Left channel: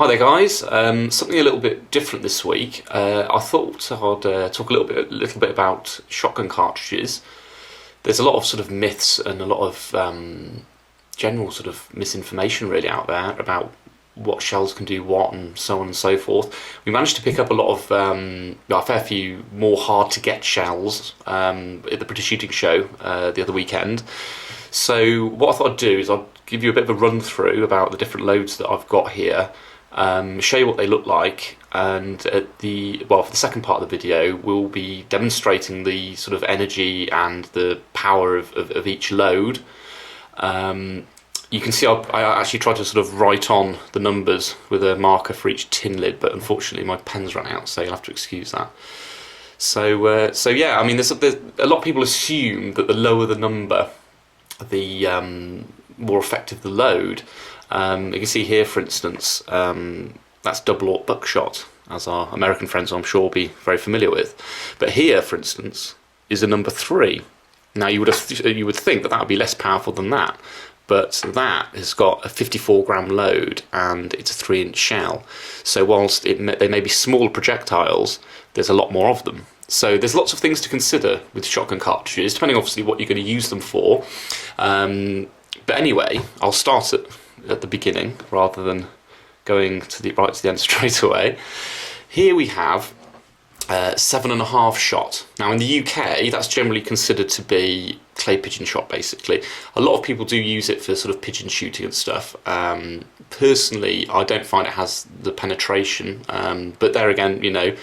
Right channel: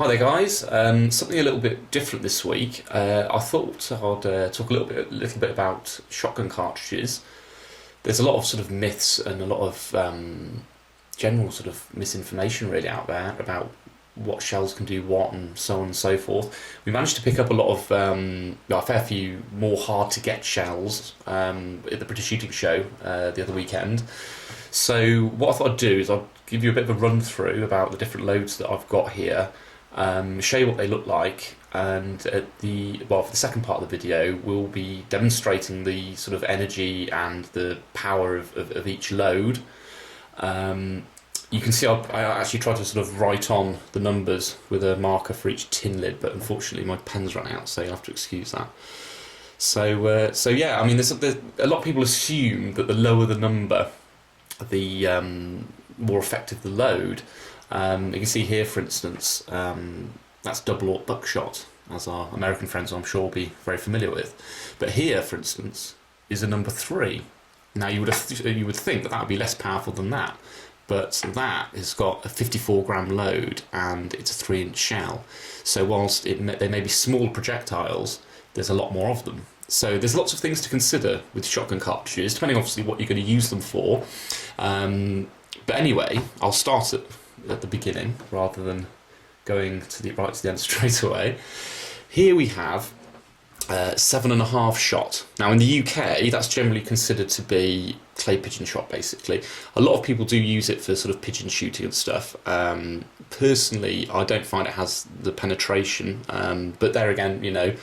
Hi there guys, something a little bit different this week. I thought I'd talk a little bit about shotgun cartridges. There's a lot of sort of myths and a lot of general sort of misinformation really out there about what shells can do what and so on and so forth. We managed to pick up a lot of, a fair few more hard to get shells at the British Shooting Show the other weekend. So what I thought I'd do is I'd give you a bit of a run through about the different loads that I've got here. Show you what they look like, and for the second part of the video we'll be demonstrating the sort of energy and the power of each load. You can see I actually tried to sort of write on the numbers with a marker for each tin lid, but unfortunately my pen's run out, so you'll have to excuse that. So yeah, I mean there's a lot of people assume that the lower the number, the more effective the load. You can see here, for instance, that's Double-Aught Buckshot, as our American friends I'm sure will be very familiar with. But here, for instance, is a number 3. Now you would think that would be less powerful than that, but that has got a 54 gram load and it's a 3-inch shell. So whilst they may be small projectiles, there's a lot more of them. So there's lots of things to consider with shotgun cartridges, depending obviously what you're going to use them for. But anyway, I'll start at the beginning rather than going right to the end straight away. Here we have 7.5 shot. Now in the UK that's generally considered to be clay pigeon shot basically. A lot of people do use it for sort of pigeon shooting and stuff. Personally I don't find it has the penetration, but there again, you know,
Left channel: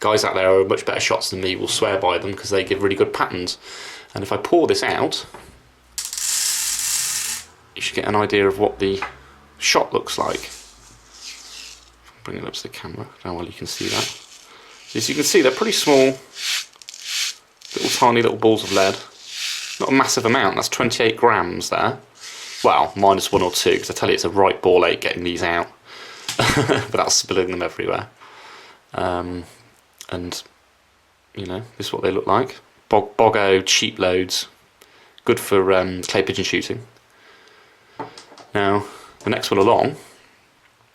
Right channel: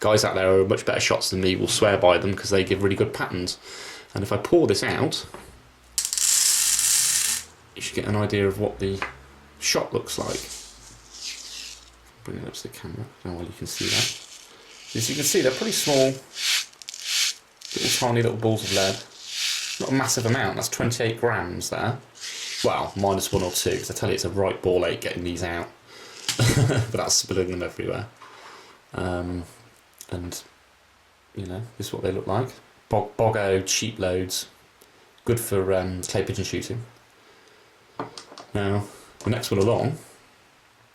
guys out there who are much better shots than me will swear by them because they give really good patterns. And if I pour this out, you should get an idea of what the shot looks like. Bring it up to the camera, how well you can see that. As you can see, they're pretty small, tiny little balls of lead. Not a massive amount, that's 28 grams there. Well, minus 1 or 2, because I tell you it's a right ball ache getting these out without spilling them everywhere. And, you know, this is what they look like. Boggo cheap loads, good for clay pigeon shooting. Now, the next one along,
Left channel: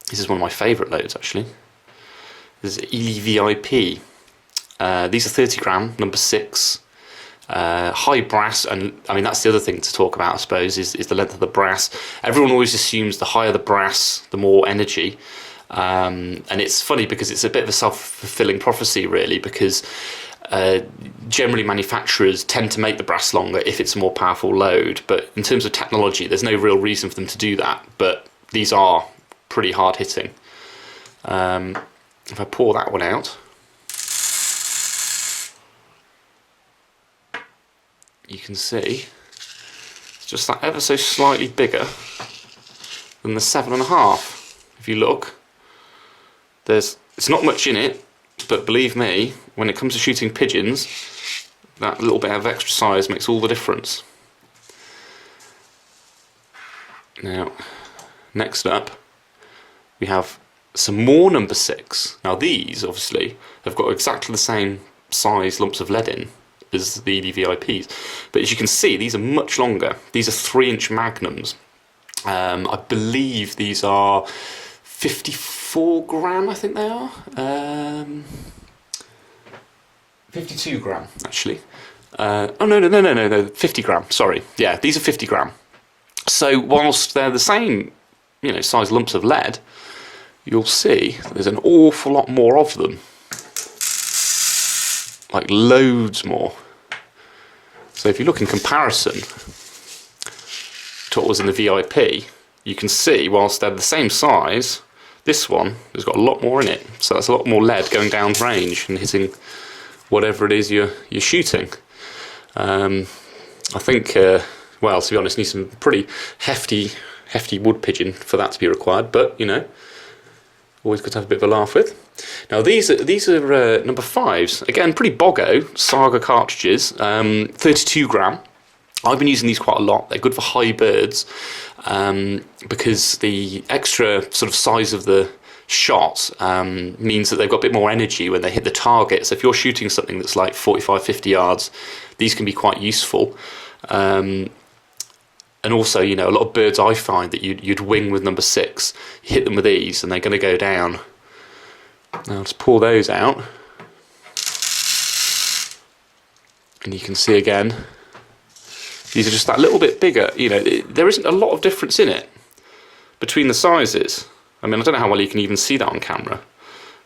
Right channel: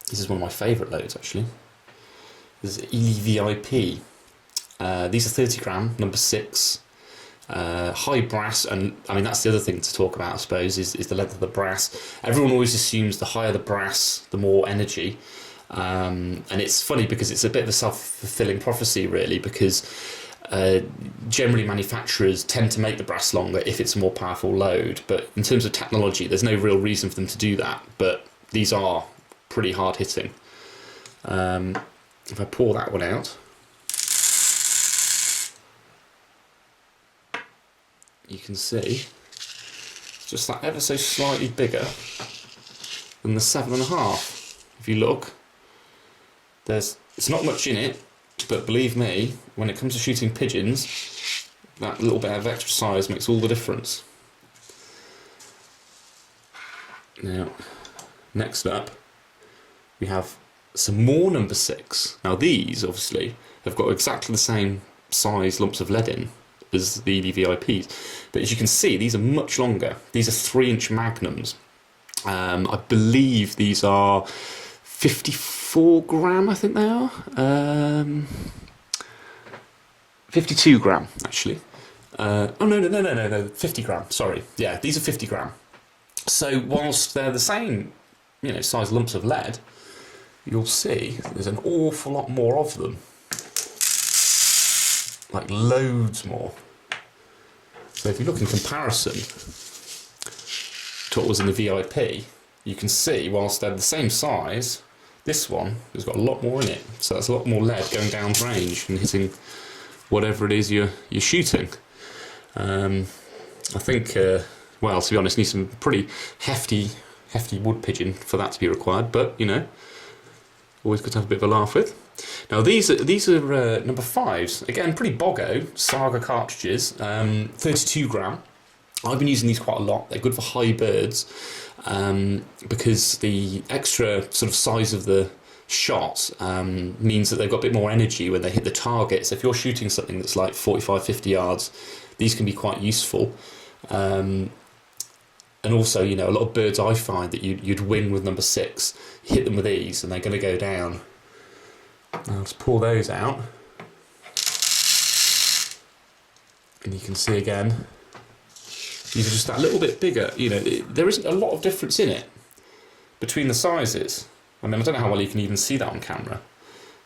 this is one of my favourite loads actually. This is EVIP. These are 30 gram, number 6. High brass, and I mean that's the other thing to talk about I suppose, is the length of the brass. Everyone always assumes the higher the brass, the more energy. And it's funny because it's a bit of a self-fulfilling prophecy really, because generally manufacturers tend to make the brass longer if it's a more powerful load, but in terms of technology there's no real reason for them to do that, but these are pretty hard hitting. If I pour that one out, you can see it's just that ever so slightly bigger than the 7.5. If you look, it's not much in it, but believe me, when it comes to shooting pigeons, that little bit of extra size makes all the difference. Now, next up, we have some more number 6. Now these, obviously, have got exactly the same size lumps of lead in as the VIPs, but as you can see, these are much longer. These are 3-inch Magnums. I believe these are 54 gram, I think they are. 52 gram, actually. Oh, no, 50 gram, sorry. Yeah, these are 50 gram. So whilst they're the same, you know, size lumps of lead, you'll see there's an awful lot more of them. Like loads more. So if you look in comparison to what was in the VIP, you can see whilst they're the same size, this one has got a lot more in it. So that's a lot more lead going down range and hitting whatever it is you're shooting. I think, well, to be honest, need some pretty hefty wood pigeon for that to be required, but you know, always good to have a bit of a laugh with. Now these are number 5s. Again, pretty boggo Saga cartridges, 32 gram. I've been using these quite a lot. They're good for high birds because the extra sort of size of the shot means that they've got a bit more energy when they hit the target. So if you're shooting something that's like 45-50 yards, these can be quite useful. And also, you know, a lot of birds I find that you'd wing with number 6, hit them with these, and they're going to go down. Now let's pull those out. And you can see again, these are just that little bit bigger. You know, there isn't a lot of difference in it between the sizes. I mean, I don't know how well you can even see that on camera,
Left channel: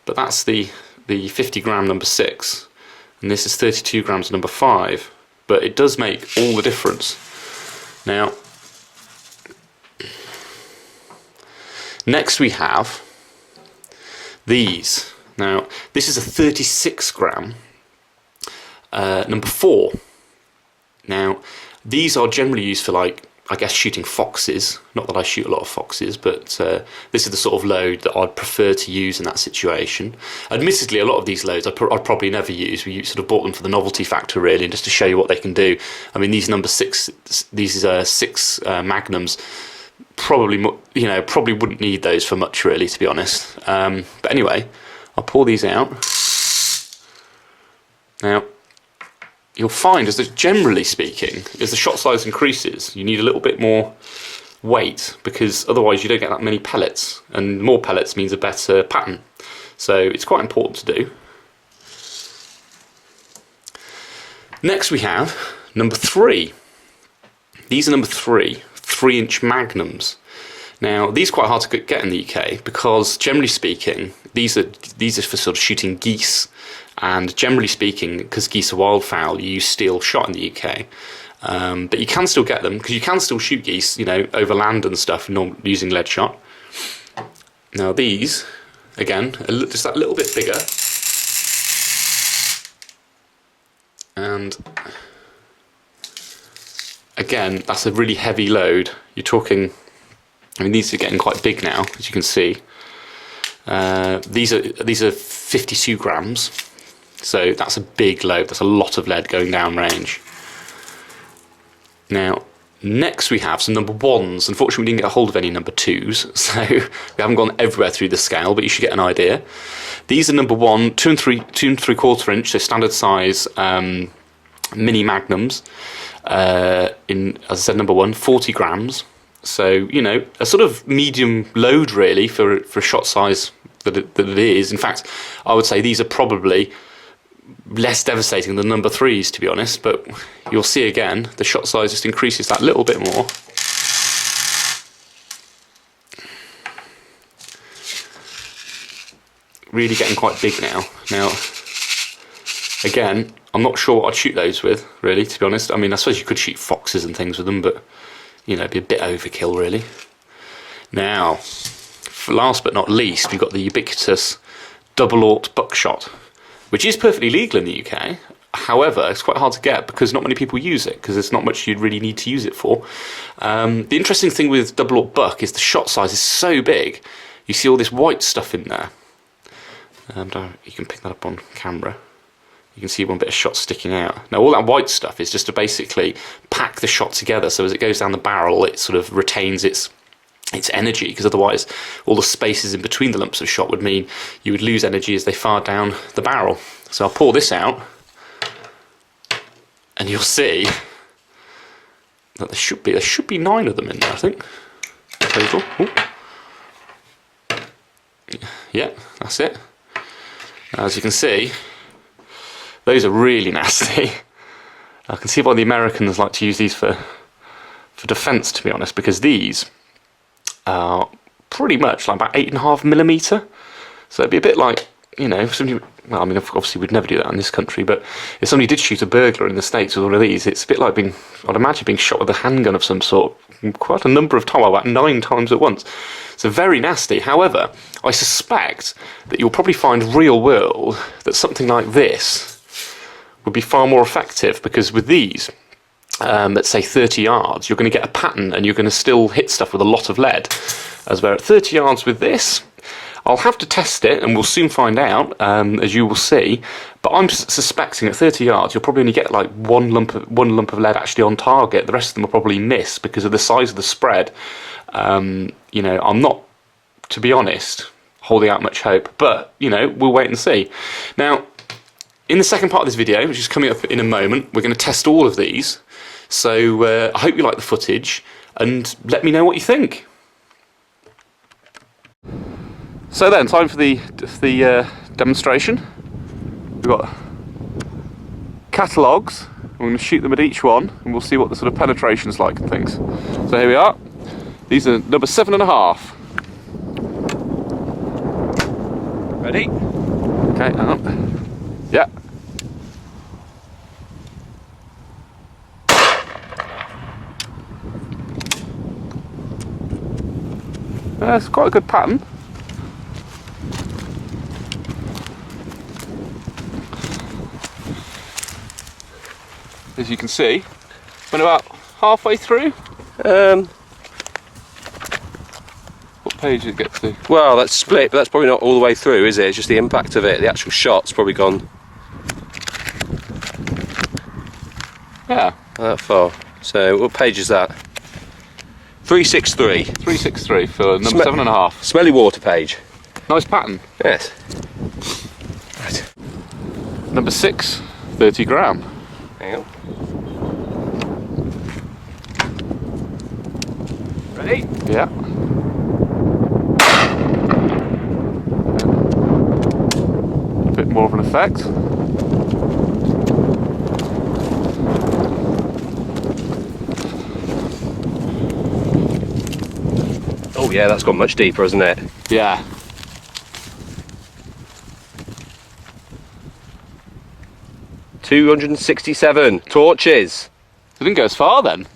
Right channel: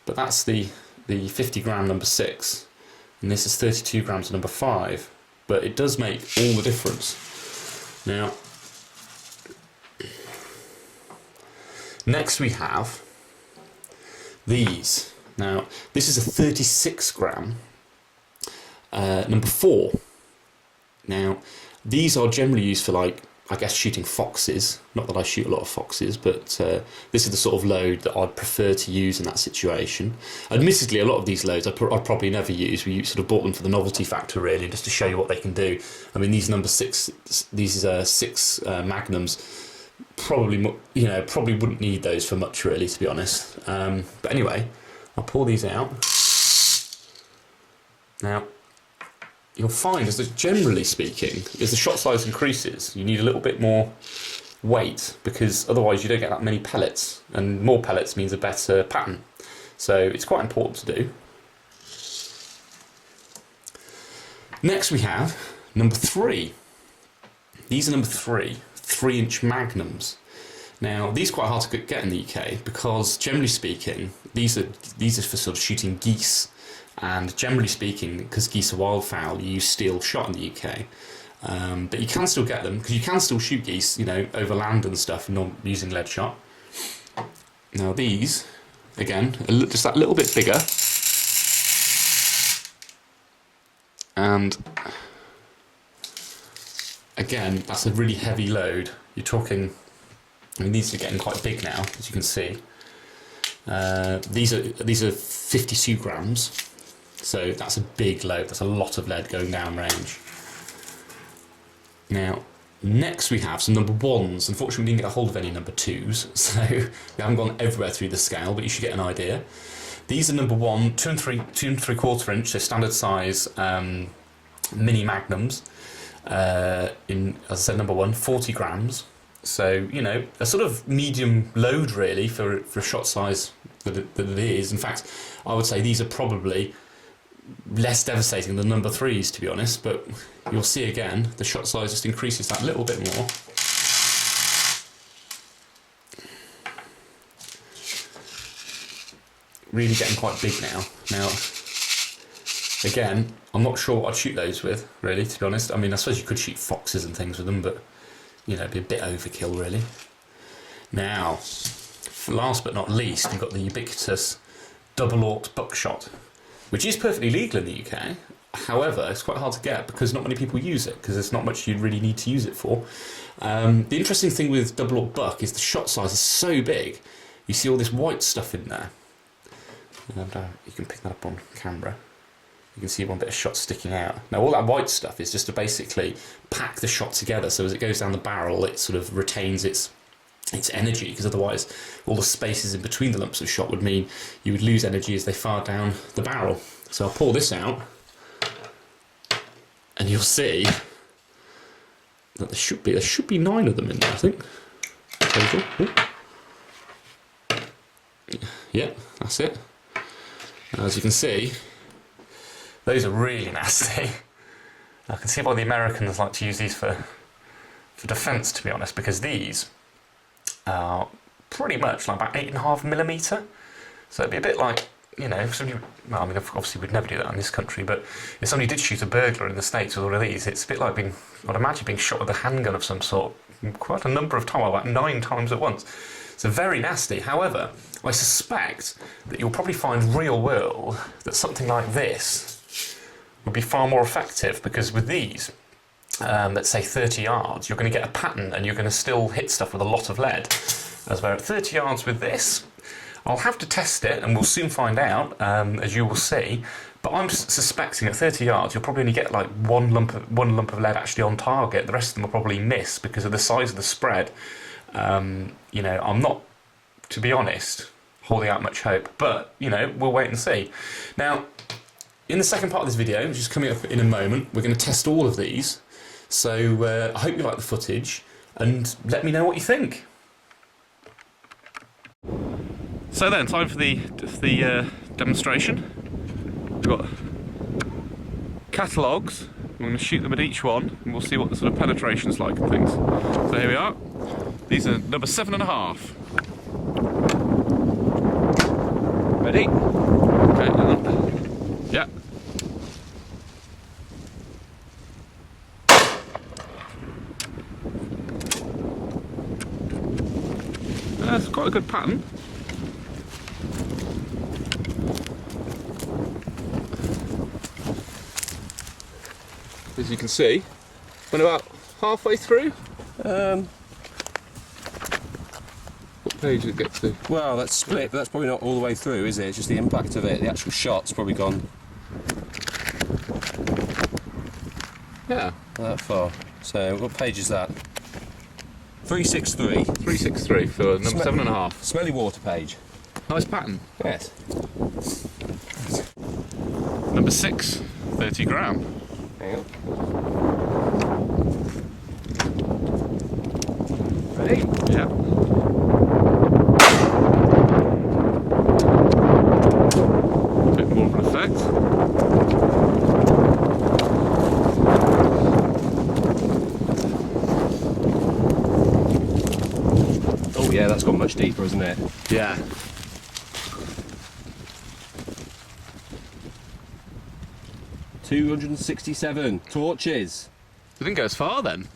but that's the 50 gram number 6, and this is 32 grams number 5. But it does make all the difference. Now, next we have these. Now, this is a 36 gram number 4. Now, these are generally used for, like, I guess shooting foxes. Not that I shoot a lot of foxes, but this is the sort of load that I'd prefer to use in that situation. Admittedly, a lot of these loads I'd probably never use. We sort of bought them for the novelty factor, really, and just to show you what they can do. I mean, these number 6, these 6 Magnums, probably, you know, probably wouldn't need those for much, really, to be honest. But anyway, I'll pull these out. Now, you'll find, generally speaking, as the shot size increases, you need a little bit more weight, because otherwise you don't get that many pellets, and more pellets means a better pattern. So it's quite important to do. Next we have number 3. These are number 3, 3-inch Magnums. Now, these are quite hard to get in the UK because, generally speaking, these are for sort of shooting geese. And generally speaking, because geese are wildfowl, you use steel shot in the UK. But you can still get them, because you can still shoot geese, you know, over land and stuff, not using lead shot. Now these, again, just that little bit bigger. And again, that's a really heavy load. You're talking, I mean, these are getting quite big now, as you can see. These are 52 grams. So that's a big load, that's a lot of lead going down range. Now, next we have some number 1s. Unfortunately, we didn't get a hold of any number 2s, so we haven't gone everywhere through the scale, but you should get an idea. These are number 1, 2 3/4 inch, so standard size mini Magnums. In, as I said, number 1, 40 grams. So, you know, a sort of medium load, really, for a shot size that it is. In fact, I would say these are probably less devastating than number 3s, to be honest, but you'll see again the shot size just increases that little bit more. Really getting quite big now. Now, again, I'm not sure what I'd shoot those with, really, to be honest. I mean, I suppose you could shoot foxes and things with them, but, you know, it'd be a bit overkill, really. Now, for last but not least, we've got the ubiquitous Double-Aught Buckshot, which is perfectly legal in the UK. However, it's quite hard to get because not many people use it, because there's not much you'd really need to use it for. The interesting thing with Double-Aught Buck is the shot size is so big, you see all this white stuff in there. And you can pick that up on camera. You can see one bit of shot sticking out. Now, all that white stuff is just to basically pack the shot together, so as it goes down the barrel, it sort of retains its energy, because otherwise all the spaces in between the lumps of shot would mean you would lose energy as they fire down the barrel. So I'll pour this out, and you'll see that there should be 9 of them in there, I think, total. Ooh. Yeah, that's it. As you can see, those are really nasty. I can see why the Americans like to use these for defence, to be honest, because these are pretty much like about 8.5mm. So it'd be a bit like, you know, if somebody, well, I mean, obviously we'd never do that in this country, but if somebody did shoot a burglar in the States with one of these, it's a bit like being, I'd imagine, being shot with a handgun of some sort quite a number of times, about 9 times at once. So very nasty. However, I suspect that you'll probably find real world that something like this would be far more effective, because with these, let's say 30 yards, you're going to get a pattern and you're going to still hit stuff with a lot of lead. As we're at 30 yards with this, I'll have to test it and we'll soon find out, as you will see, but I'm suspecting at 30 yards you'll probably only get like one lump of lead actually on target. The rest of them will probably miss because of the size of the spread. You know, I'm not, to be honest, holding out much hope, but, you know, we'll wait and see. Now, in the second part of this video, which is coming up in a moment, we're going to test all of these. So I hope you like the footage. and let me know what you think. So then, time for the demonstration. We've got catalogues. We're going to shoot them at each one, and we'll see what the sort of penetration's like and things. So here we are. These are number 7.5. Ready? Okay, hang on. Yeah. It's quite a good pattern. As you can see, went about halfway through. What page did it get to? Well, that's split, but that's probably not all the way through, is it? It's just the impact of it. The actual shot's probably gone. Yeah. That far. So, what page is that? 363. 363 for number 7.5. Smelly water page. Nice pattern. Yes. Right. Number 6, 30 gram. Hang on. Ready? Yeah. A bit more of an effect. Oh yeah, that's gone much deeper, hasn't it? Yeah. $267 torches. It didn't go as far then.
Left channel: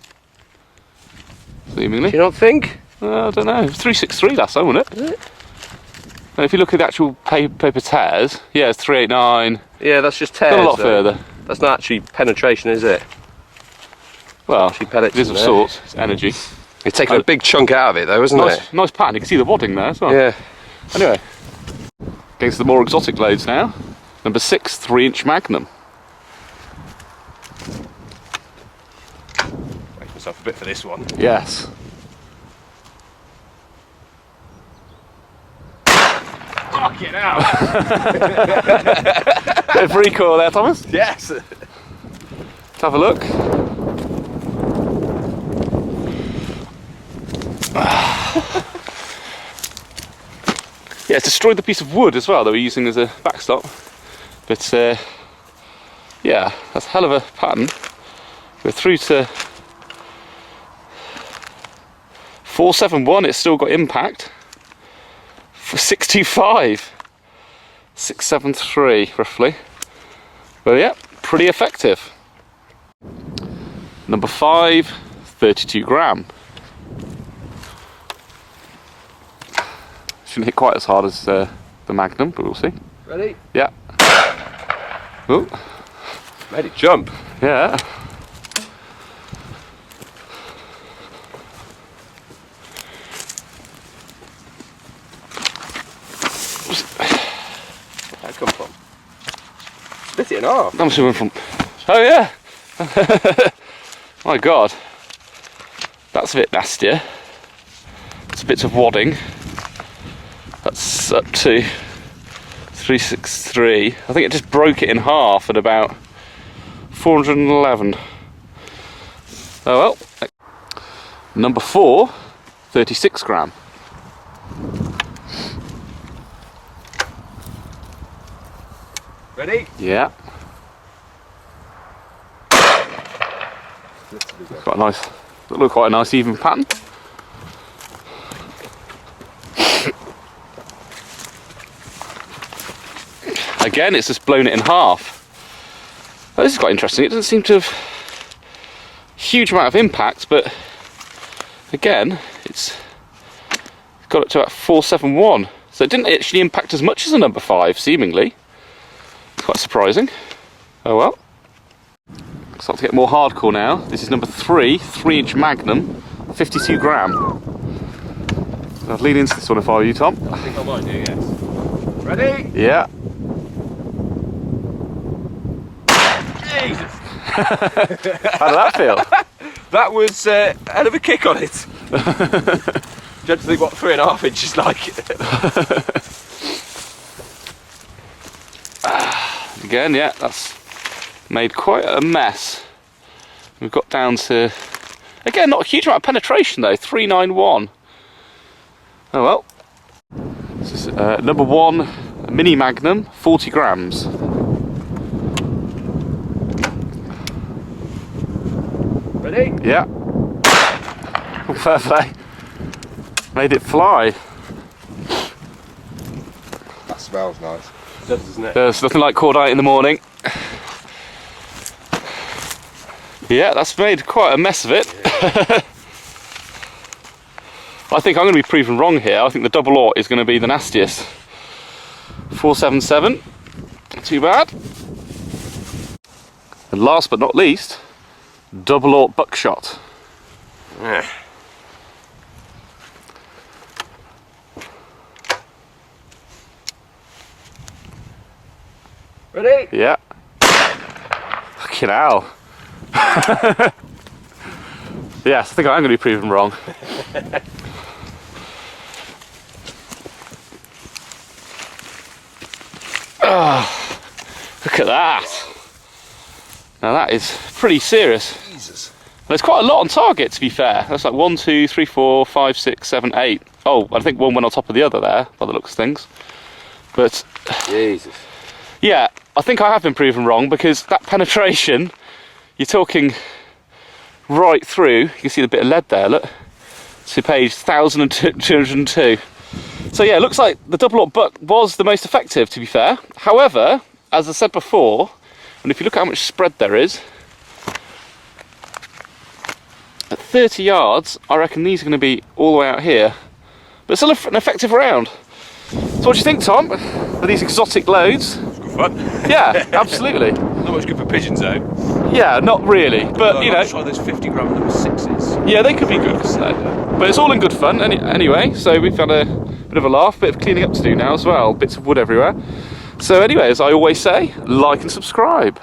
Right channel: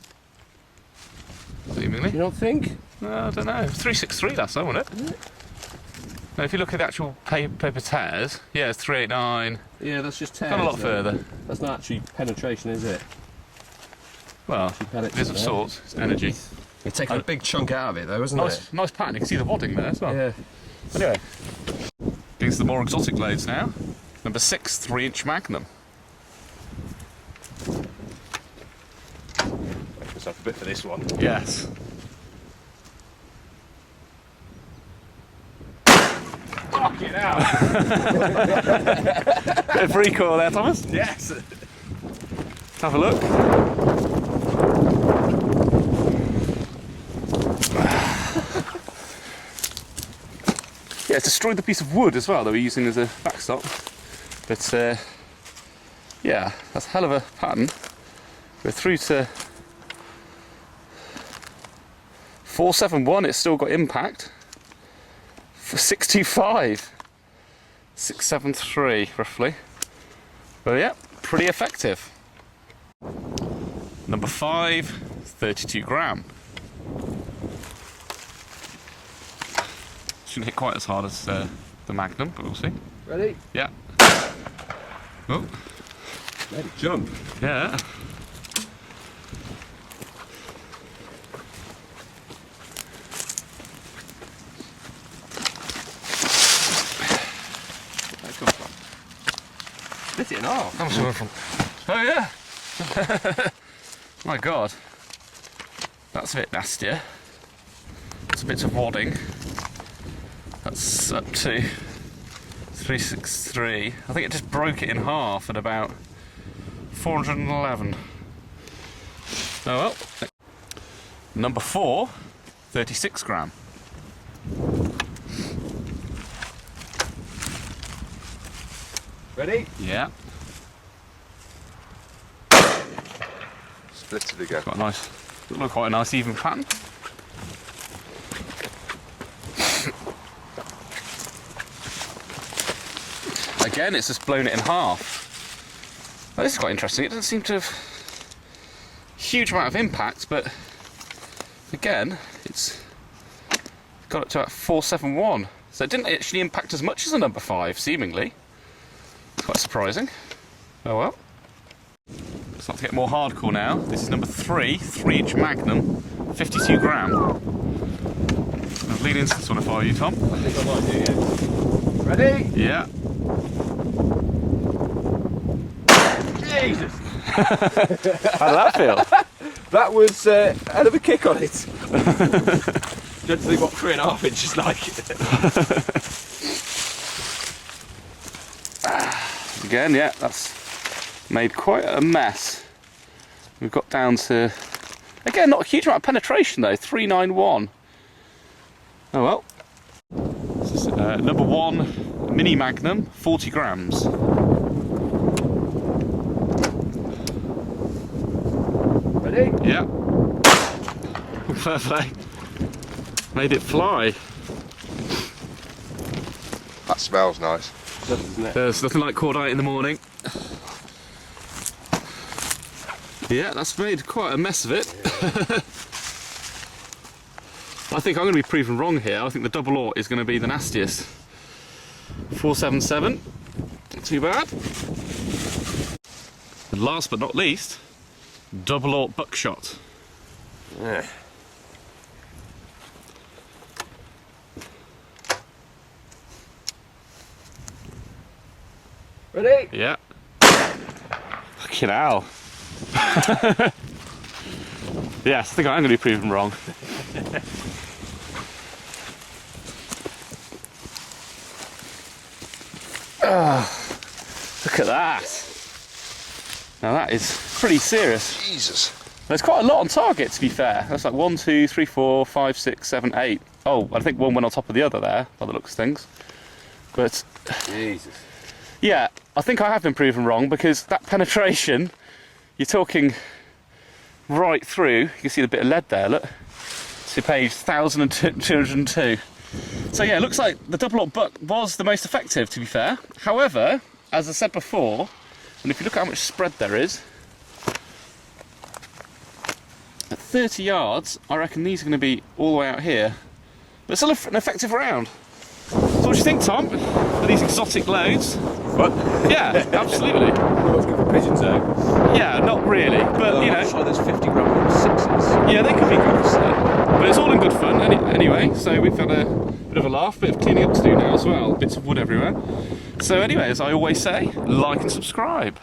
Seemingly. Do you not think? I don't know. 363 last time, wasn't it? And if you look at the actual paper tears, yeah, it's 389. Yeah, that's just tears. Got a lot though. further. That's not actually penetration, is it? Well, Actually pellets it is in of there. sorts. It's energy. You're taking a big chunk out of it, though, isn't it? Nice pattern. You can see the wadding there as well. Yeah. Anyway, against the more exotic loads now. Number 6, 3-inch Magnum. Make myself a bit for this one. Yes. Fuck it out! Bit of recoil there, Thomas. Yes. Let's have a look. Yeah, it's destroyed the piece of wood as well that we're using as a backstop. But yeah, that's a hell of a pattern. We're through to 471. It's still got impact. For 625, 673 roughly. Well, yeah, pretty effective. Number 5, 32 gram. Shouldn't hit quite as hard as the Magnum, but we'll see. Ready? Yeah. Oh. Ready, jump. Yeah. Where'd that come from? Split it in half. I'm swimming from. Oh yeah. My God. That's a bit nastier. It's a bit of wadding. That's up to 363. I think it just broke it in half at about 411. Oh well. Number 4, 36 gram. Ready? Yeah. Split it again. Quite a nice. Look, quite a nice even pattern. Again, it's just blown it in half. Well, this is quite interesting. It doesn't seem to have a huge amount of impact, but again, it's got it to about 471. So it didn't actually impact as much as a number 5, seemingly. Quite surprising. Oh well. Start to get more hardcore now. This is number 3, 3-inch Magnum, 52 gram. I'd lean into this one if I were you, Tom. I think I might do, yes. Ready? Yeah. Jesus! How did that feel? That was a hell of a kick on it. Gently got 3.5 inches like it. Again, yeah, that's made quite a mess. We've got down to Again, not a huge amount of penetration though, 391. Oh well. This is number 1, a mini Magnum, 40 grams. Ready? Yeah. Oh, fair play. Made it fly. That smells nice. Doesn't it? There's nothing like cordite in the morning. Yeah, that's made quite a mess of it. I think I'm going to be proven wrong here. I think the Double-Aught is going to be the nastiest. 477, not too bad. And last but not least, Double-Aught Buckshot. Yeah. Ready? Yeah. Fucking hell. Yes, I think I'm going to be proven wrong. Oh, look at that. Now that is pretty serious. Jesus. There's quite a lot on target, to be fair. That's like 1, 2, 3, 4, 5, 6, 7, 8. Oh, I think one went on top of the other there, by the looks of things. But Jesus. yeah, I think I have been proven wrong, because that penetration, you're talking right through. You can see the bit of lead there, look. To page 1202. So yeah, it looks like the Double-Aught Buck was the most effective, to be fair. However, as I said before, and if you look at how much spread there is, at 30 yards, I reckon these are going to be all the way out here. But still an effective round. So what do you think, Tom, for these exotic loads? It's good fun. Yeah, absolutely. Not much good for pigeons though. Yeah, not really. But you know, I'll try those 50 gram number 6s. yeah, they could be good for that. But it's all in good fun anyway. So we've had a bit of a laugh, bit of cleaning up to do now as well. Bits of wood everywhere. So anyway, as I always say, like and subscribe.